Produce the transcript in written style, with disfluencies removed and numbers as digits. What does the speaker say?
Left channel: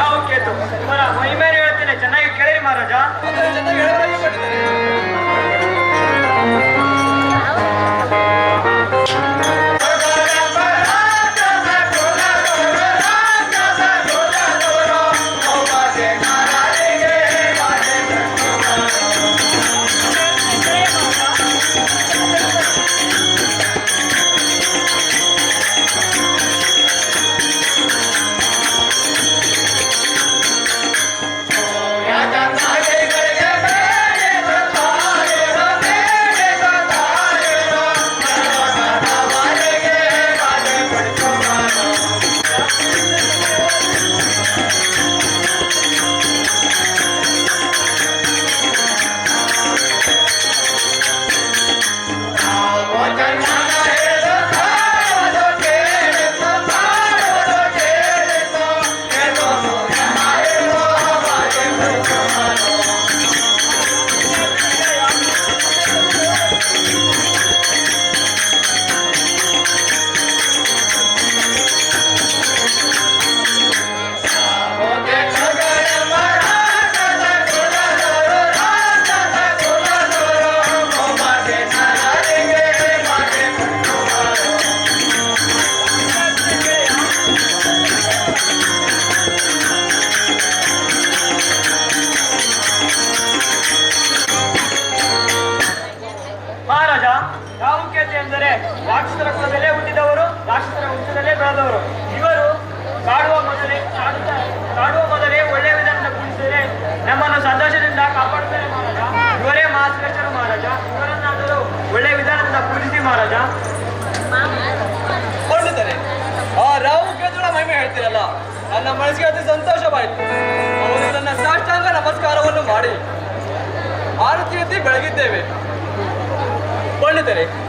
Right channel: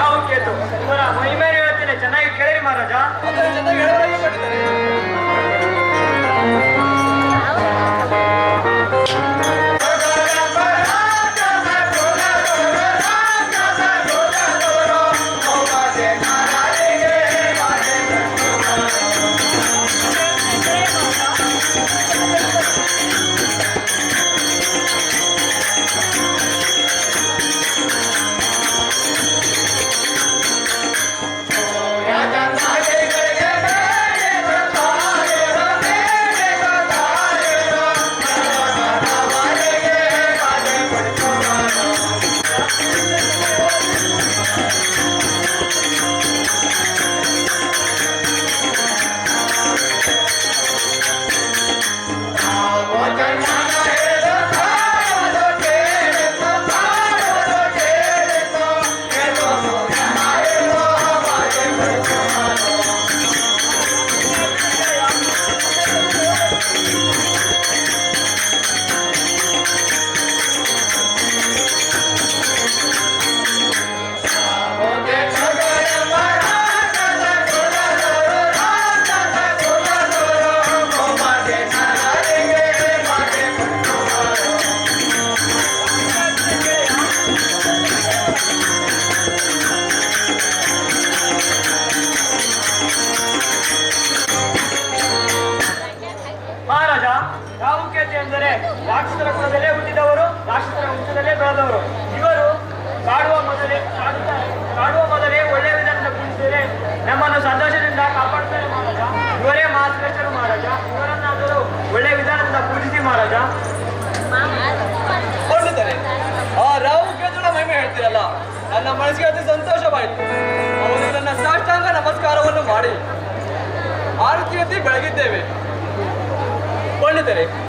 ಯಾವ ಕೇತು ಇವರ ಮಹಿಮೇಲೆ ಹೇಳ್ತೇನೆ, ಚೆನ್ನಾಗಿ ಕೇಳಿರಿ ಮಹಾರಾಜ. ಚೆನ್ನಾಗಿ ಹೇಳಬೇಕು. ರಾಕ್ಷಸರ ಕುಲದಲ್ಲೇ ಹುಟ್ಟಿದವರು, ರಾಕ್ಷಸರ ವಂಶದಲ್ಲೇ ಬೆಳೆದವರು. ಇವರು ಕಾಡುವ ಮೊದಲೇ ಒಳ್ಳೆಯ ವಿಧಾನದಿಂದ ಪೂಜಿಸಿದರೆ ನಮ್ಮನ್ನು ಸಂತೋಷದಿಂದ ಕಾಪಾಡುತ್ತಾರೆ ಮಹಾರಾಜ. ಇವರೇ ಮಹಾಶ್ರೇಷ್ಠರು ಮಹಾರಾಜ. ಇವರನ್ನಾದರೂ ಒಳ್ಳೆಯ ವಿಧಾನದಿಂದ ಪೂಜಿಸಿ ಮಹಾರಾಜ. ಕೊಂಡಿದ್ದಾರೆ ಆ ರಾವು ಕೇತುಗಳ ಮಹಿಮೆ ಹೇಳ್ತೀರಲ್ಲ, ನನ್ನ ಮನಸ್ಸಿಗೆ ಅತಿ ಸಂತೋಷವಾಯಿತು. ಅವರಿಗೆ ನನ್ನ ಸಾಷ್ಟಾಂಗ ನಮಸ್ಕಾರವನ್ನು ಮಾಡಿ ಆರತಿ ಎತ್ತಿ ಬೆಳಗಿದ್ದೇವೆ. ಕೊಂಡಿದ್ದಾರೆ